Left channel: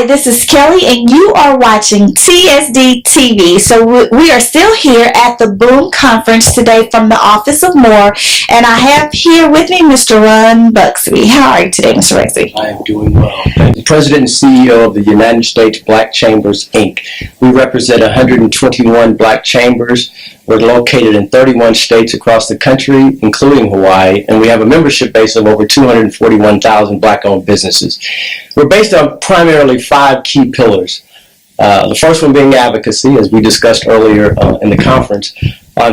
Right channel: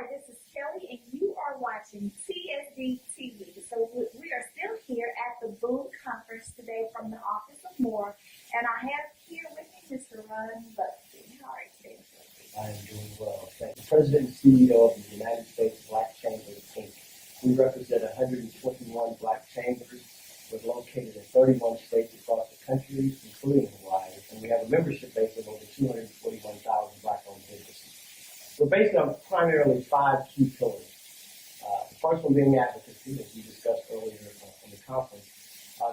Hi, this is Kelley, and you are watching TSDTV. So we are still here at the Boom Conference today from the Office of More, and I have here with me Mr. Ron Busby. How are you today, Mr. Busby? I am doing well. The President and CEO of the United States Black Chambers, Inc. We represent 121 black chambers. We're located in 31 states across the country, including Hawaii, and we have a membership base of over 241,000 black-owned businesses. We're based on primarily 5 key pillars. The first one being advocacy, as we discussed earlier in the conference.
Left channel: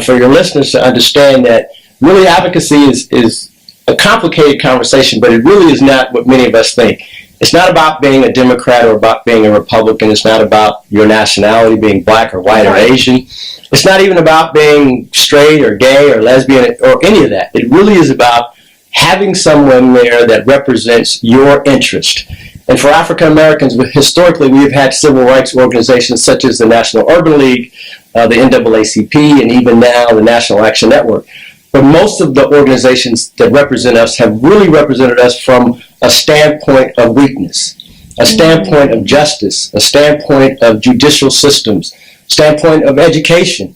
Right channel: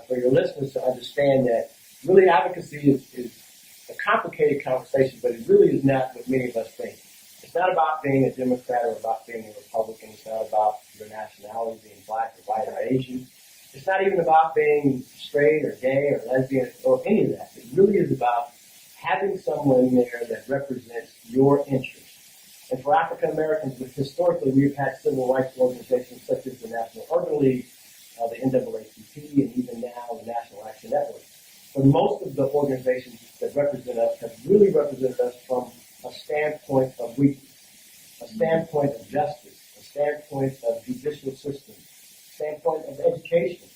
For your listeners to understand that really advocacy is a complicated conversation, but it really is not what many of us think. It's not about being a Democrat or about being a Republican. It's not about your nationality, being black or white or Asian. It's not even about being straight or gay or lesbian or any of that. It really is about having someone there that represents your interest. And for African Americans, historically, we've had civil rights organizations such as the National Urban League, the NAACP, and even now the National Action Network. But most of the organizations that represent us have really represented us from a standpoint of weakness, a standpoint of justice, a standpoint of judicial systems, standpoint of education,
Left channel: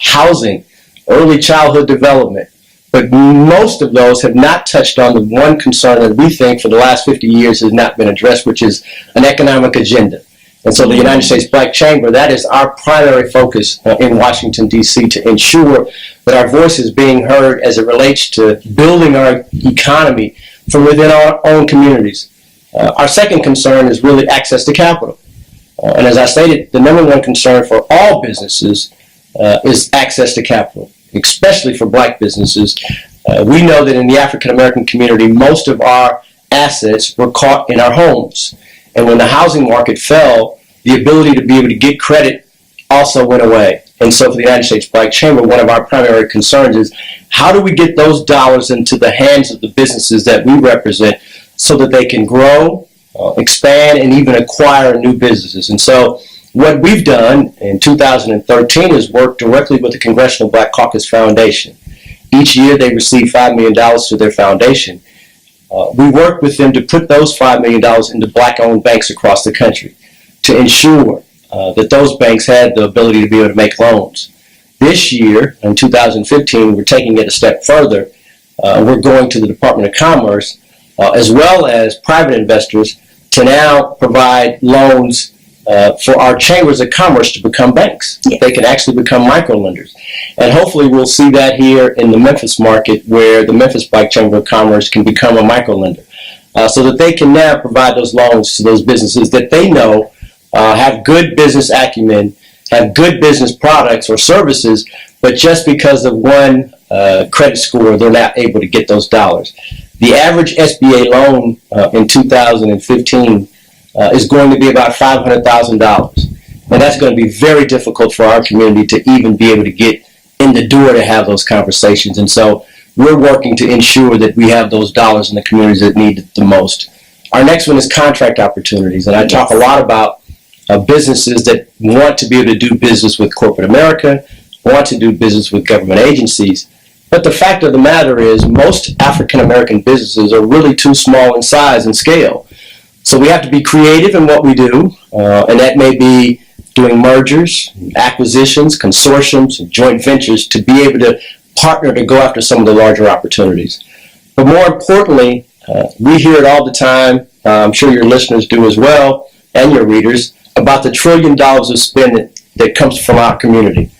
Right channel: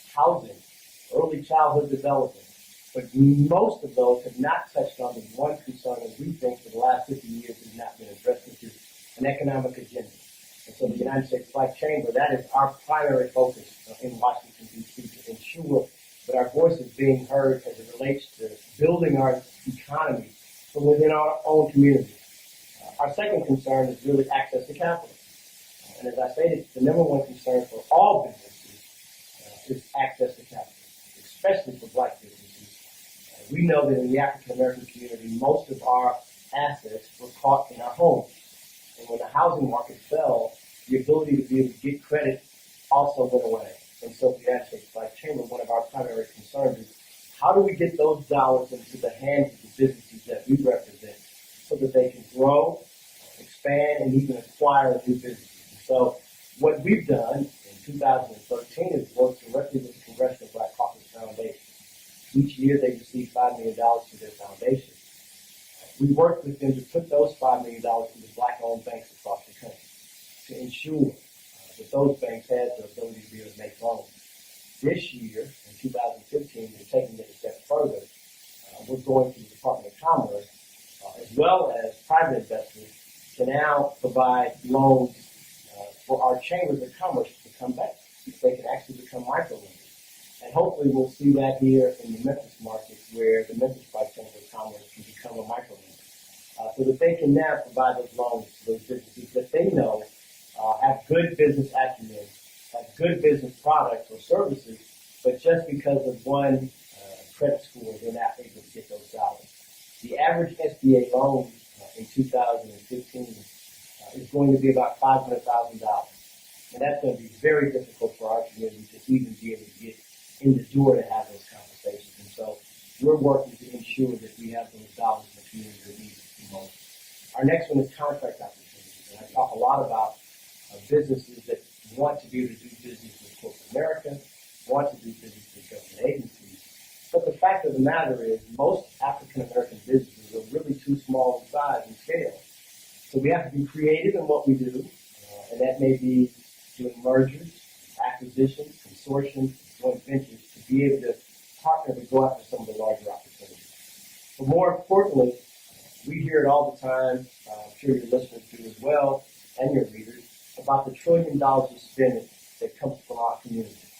housing, early childhood development. But most of those have not touched on the one concern that we think for the last 50 years has not been addressed, which is an economic agenda. And so the United States Black Chamber, that is our primary focus in Washington, D.C., to ensure that our voice is being heard as it relates to building our economy from within our own communities. Our second concern is really access to capital. And as I stated, the number one concern for all businesses is access to capital, especially for black businesses. We know that in the African American community, most of our assets were caught in our homes. And when the housing market fell, the ability to be able to get credit also went away. And so for the United States Black Chamber, one of our primary concerns is how do we get those dollars into the hands of the businesses that we represent so that they can grow, expand, and even acquire new businesses. And so what we've done in 2013 is work directly with the Congressional Black Caucus Foundation. Each year they receive $5 million to their foundation. We work with them to put those $5 million into black-owned banks across the country to ensure that those banks had the ability to be able to make loans. This year, in 2015, we're taking it a step further. We're going to the Department of Commerce, as well as private investors, to now provide loans for our chambers of commerce to become banks. Yes. They can actually become microlenders. And hopefully we'll see that here in the Memphis market, where the Memphis Black Chamber of Commerce can become a microlender, so that they can now provide those loans to those businesses that they know have good business acumen, have good business products or services, but just because of one credit score, they're not able to get those dollars. The average SBA loan in 2015 is going to be about $500,000. And that's going to be very difficult for our community to even be able to get in the door to have those conversations. And so we're working to ensure that we have those dollars in the communities that need it the most. Our next one is contract opportunities. And I talk a lot about businesses that want to be able to do business with corporate America, want to do business with government agencies. But the fact of the matter is most African American businesses are really too small in size and scale. So we have to be creative in what we do, and that may be doing mergers, acquisitions, consortiums, and joint ventures to be able to partner to go after some of the larger opportunities. But more importantly, we hear it all the time, I'm sure your listeners do as well, and your readers, about the $1 trillion of spending that comes from our community.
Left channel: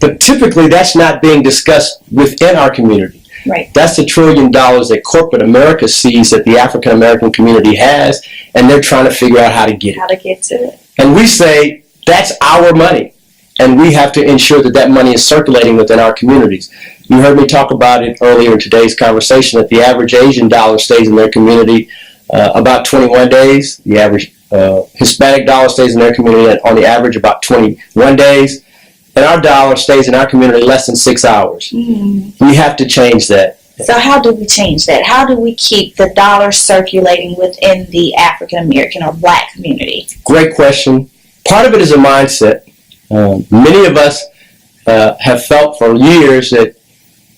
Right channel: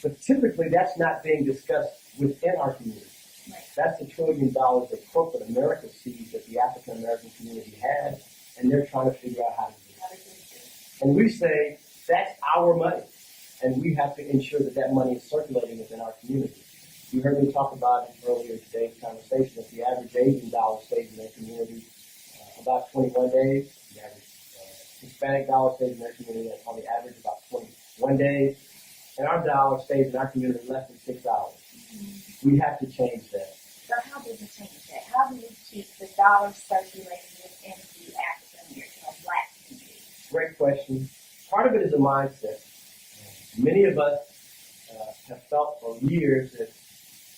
But typically that's not being discussed within our community. Right. That's the $1 trillion that corporate America sees that the African American community has, and they're trying to figure out how to get it. How to get to it. And we say that's our money, and we have to ensure that that money is circulating within our communities. You heard me talk about it earlier in today's conversation that the average Asian dollar stays in their community about 21 days. The average Hispanic dollar stays in their community on the average about 21 days. And our dollar stays in our community less than 6 hours. Mm-hmm. We have to change that. So how do we change that? How do we keep the dollar circulating within the African American or black community? Great question. Part of it is a mindset. Many of us have felt for years that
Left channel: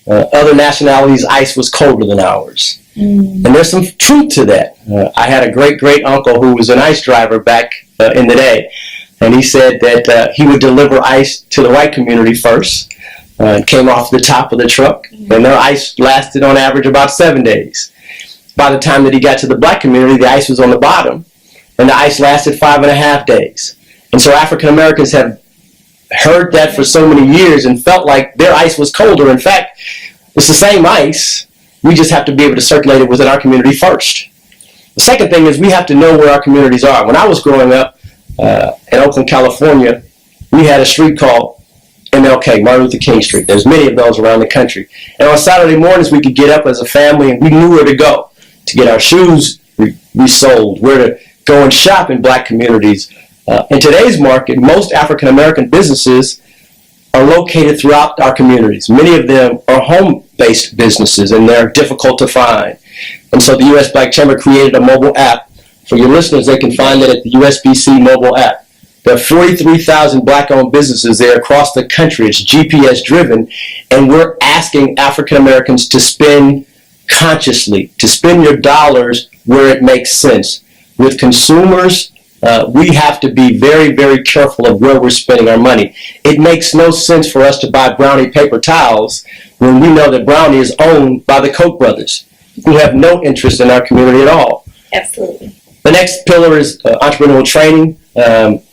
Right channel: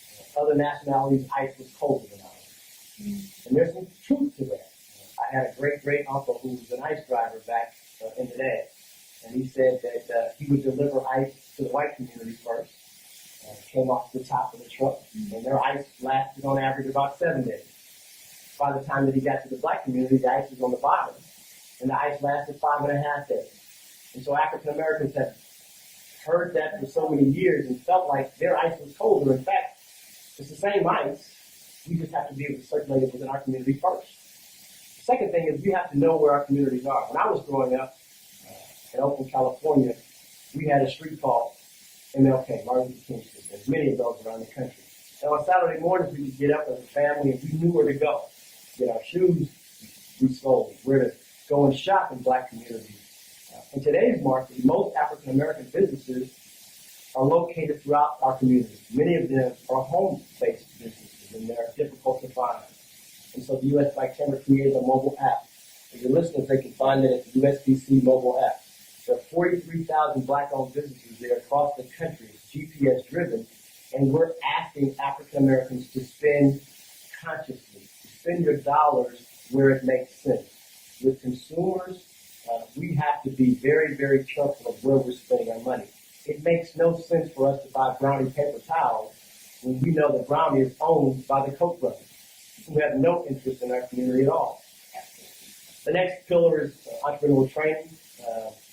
other nationalities' ice was colder than ours. And there's some truth to that. I had a great uncle who was an ICE driver back in the day, and he said that he would deliver ICE to the white community first. It came off the top of the truck, and their ICE lasted on average about 7 days. By the time that he got to the black community, the ICE was on the bottom, and the ICE lasted 5.5 days. And so African Americans have heard that for so many years and felt like their ICE was colder. In fact, it's the same ICE. We just have to be able to circulate it within our community first. The second thing is we have to know where our communities are. When I was growing up in Oakland, California, we had a street called MLK, Martin Luther King Street. There's many of those around the country. And on Saturday mornings, we could get up as a family and we knew where to go to get our shoes resold, where to go and shop in black communities. In today's market, most African American businesses are located throughout our communities. Many of them are home-based businesses, and they're difficult to find. And so the U.S. Black Chamber created a mobile app. For your listeners, they can find it at the USBC mobile app. There are 43,000 black-owned businesses there across the country. It's GPS-driven, and we're asking African Americans to spend consciously, to spend your dollars where it makes sense. With consumers, we have to be very careful of where we're spending our money. It makes no sense for us to buy Brownie paper towels when we know that Brownie is owned by the Koch brothers, who have no interest in our community at all. Absolutely. The next pillar is entrepreneurial training.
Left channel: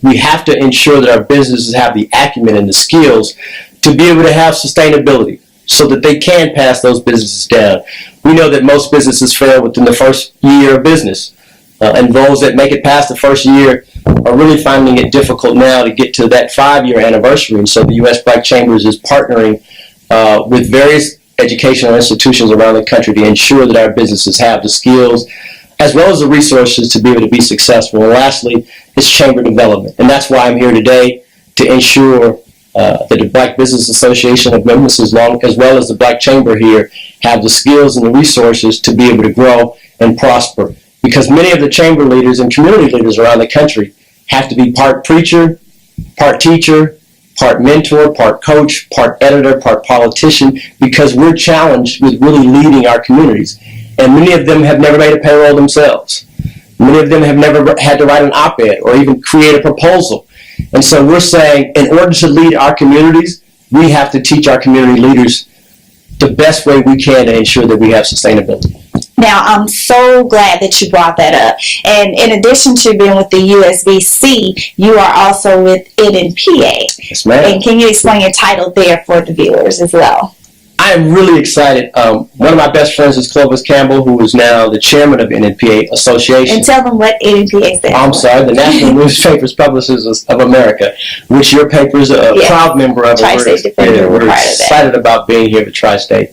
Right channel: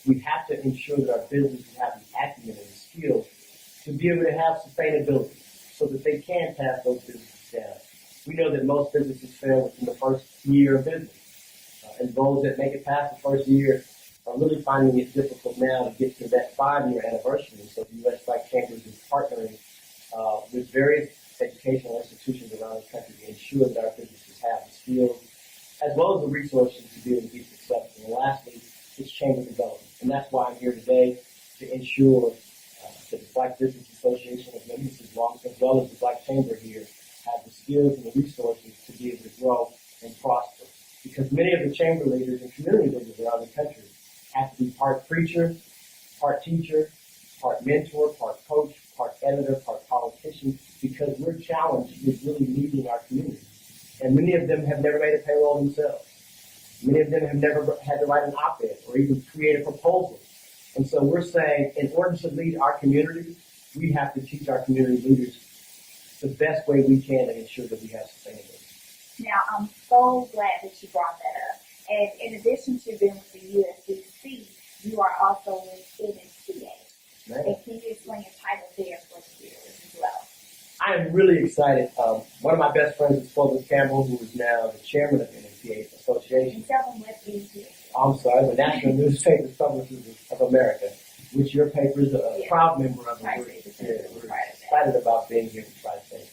We have to ensure that our businesses have the acumen and the skills to be able to have sustainability so that they can pass those businesses down. We know that most businesses fail within the first year of business. And those that make it past the first year are really finding it difficult now to get to that 5-year anniversary. And so the U.S. Black Chambers is partnering with various educational institutions around the country to ensure that our businesses have the skills as well as the resources to be able to be successful. And lastly, is chamber development. And that's why I'm here today, to ensure that the Black Business Association of Members, as well as the Black Chamber here, have the skills and the resources to be able to grow and prosper. Because many of the chamber leaders and community leaders around the country have to be part preacher, part teacher, part mentor, part coach, part editor, part politician, because we're challenged with really leading our communities. And many of them have never made a payroll themselves. Many of them have never had to write an op-ed or even create a proposal. And so we're saying, in order to lead our communities, we have to teach our community leaders the best way we can to ensure that we have sustainability. Now, I'm so glad that you brought that up. And in addition to being with the USBC, you are also with NNPA. Yes, ma'am. And can you explain your title there for the viewers as well? I am really excited. One of my best friends is Clovis Campbell, who is now the chairman of NNPA Association. And tell them what NNPA stands for. I'm sorry, the National Newspapers Publishers of America, which your paper is a proud member of. Tri-State Defender. We're excited about being here at Tri-State.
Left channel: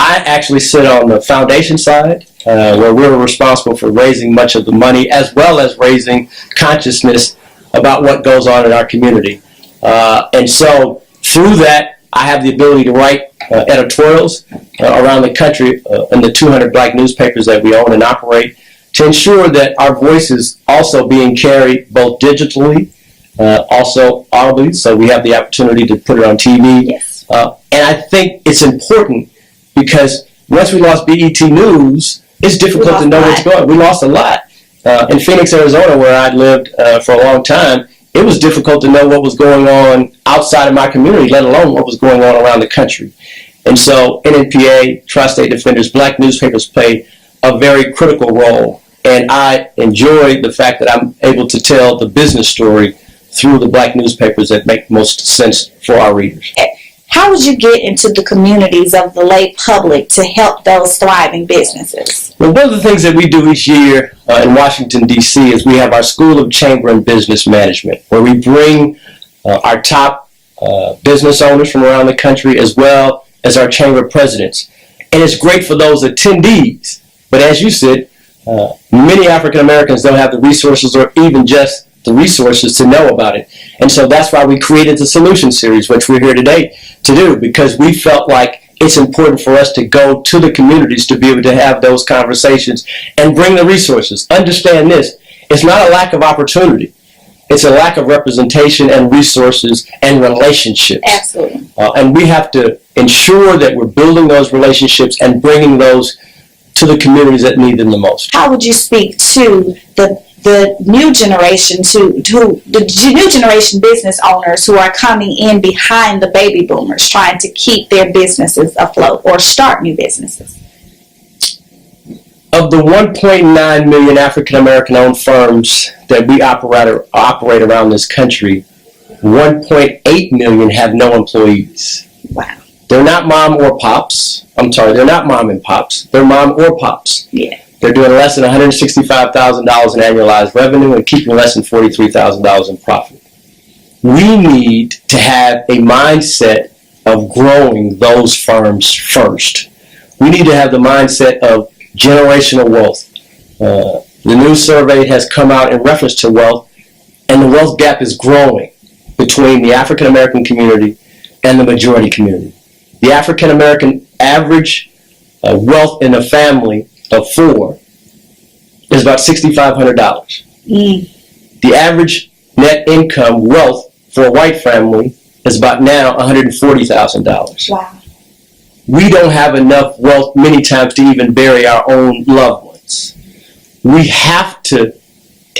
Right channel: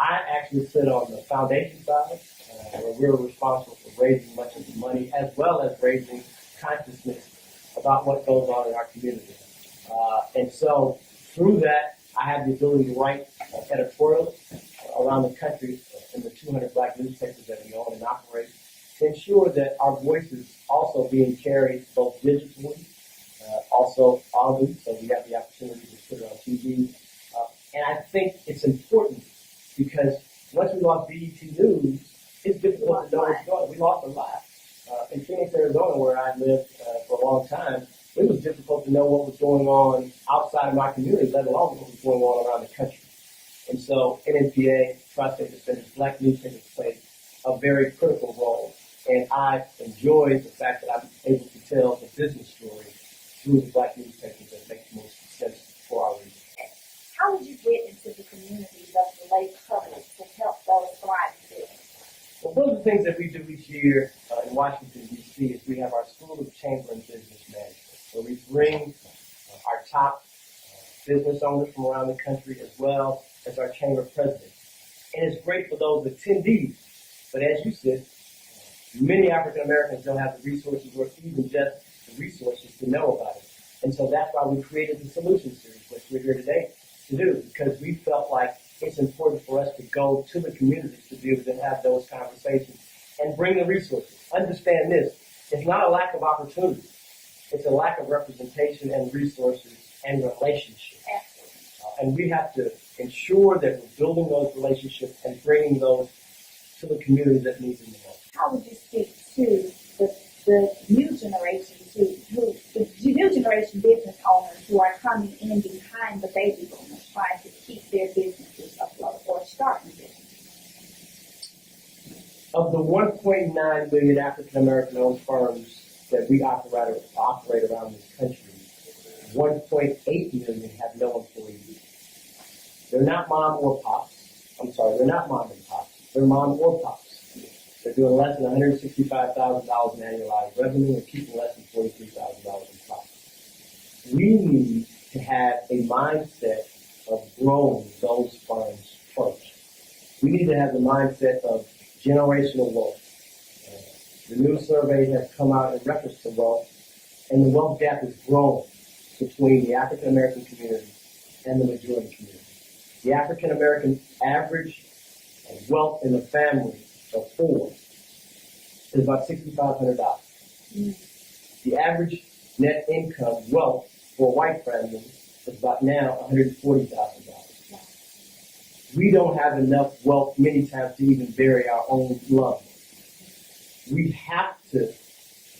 I actually sit on the foundation side, where we're responsible for raising much of the money, as well as raising consciousness about what goes on in our community. And so through that, I have the ability to write editorials around the country in the 200 black newspapers that we own and operate, to ensure that our voice is also being carried both digitally, also audibly, so we have the opportunity to put it on TV. Yes. And I think it's important because once we lost BET News, it's difficult to know what's going on. We lost a lot. In Phoenix, Arizona, where I lived for a long time, it was difficult to know what was going on outside of my community, let alone what was going on around the country. And so NNPA, Tri-State Defenders, black newspapers play a very critical role. And I enjoy the fact that I'm able to tell the business story through the black newspapers that make most sense for our readers. How would you get into the communities of the lay public to help those thriving businesses? Well, one of the things that we do each year in Washington, D.C. is we have our School of Chamber and Business Management, where we bring our top business owners from around the country, as well as our chamber presidents. And it's great for those attendees. But as you said, many African Americans don't have the resources or even just the resources to know about it. And so that's why we created the Solution Series, which we're here today to do, because we felt like it's important for us to go to the communities to be able to have those conversations and bring the resources. Understand this, it's not a lack of opportunity. It's a lack of representation and resources and relationships. Absolutely. And we have to ensure that we're building those relationships and bringing those to the communities that need them the most. How would you speak to the new generation, to the new generation business owners who are coming in behind the baby boomers, trying to keep their businesses afloat or start new businesses? Of the 1.9 million African American owned firms that we operate around this country, 1.8 million have no employees. Wow. They're not mom or pops. I'm sorry, they're not mom and pops. They're mom or pops. Yeah. They're doing less than $165,000 in annualized revenue and keeping less than $43,000 in profit. We need to have a mindset of growing those firms first. We need to have the mindset of generational wealth. The new survey has come out in reference to wealth, and the wealth gap is growing between the African American community and the majority community. The African American average wealth in a family of 4 is about $6,500. The average net income wealth for a white family is about now $140,000. Wow. We don't have enough wealth many times to even bury our own loved ones. We have to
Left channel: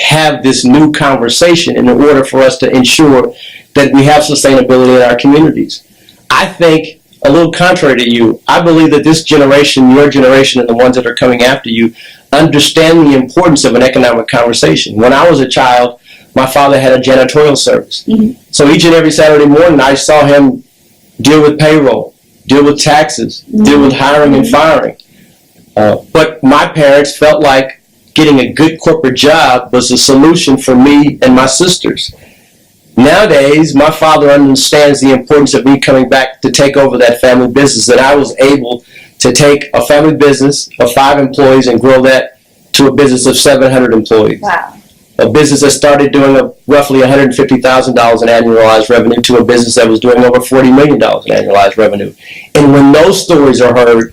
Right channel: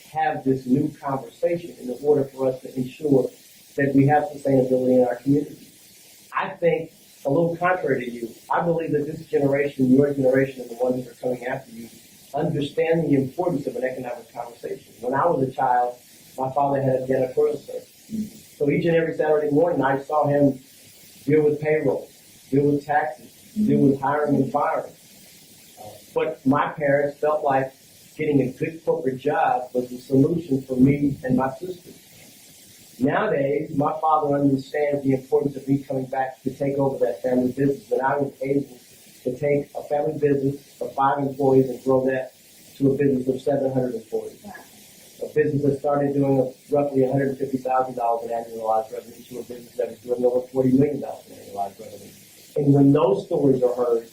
have this new conversation in order for us to ensure that we have sustainability in our communities. I think, a little contrary to you, I believe that this generation, your generation, and the ones that are coming after you, understand the importance of an economic conversation. When I was a child, my father had a janitorial service. Mm-hmm. So each and every Saturday morning, I saw him deal with payroll, deal with taxes, deal with hiring and firing. But my parents felt like getting a good corporate job was a solution for me and my sisters. Nowadays, my father understands the importance of me coming back to take over that family business, that I was able to take a family business of 5 employees and grow that to a business of 700 employees. Wow. A business that started doing roughly $150,000 in annualized revenue to a business that was doing over $40 million in annualized revenue. And when those stories are heard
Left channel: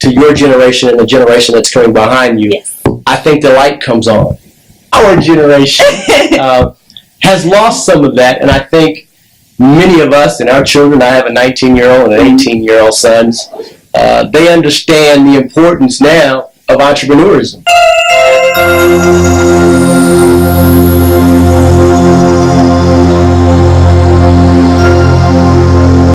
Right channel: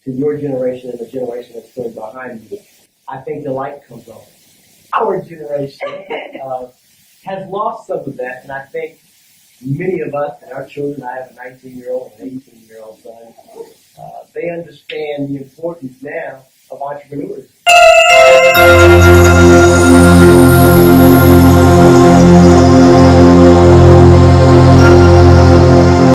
to your generation and the generation that's coming behind you, yes, I think the light comes on. Our generation has lost some of that, and I think many of us and our children, I have a 19-year-old and an 18-year-old sons, they understand the importance now of entrepreneurism.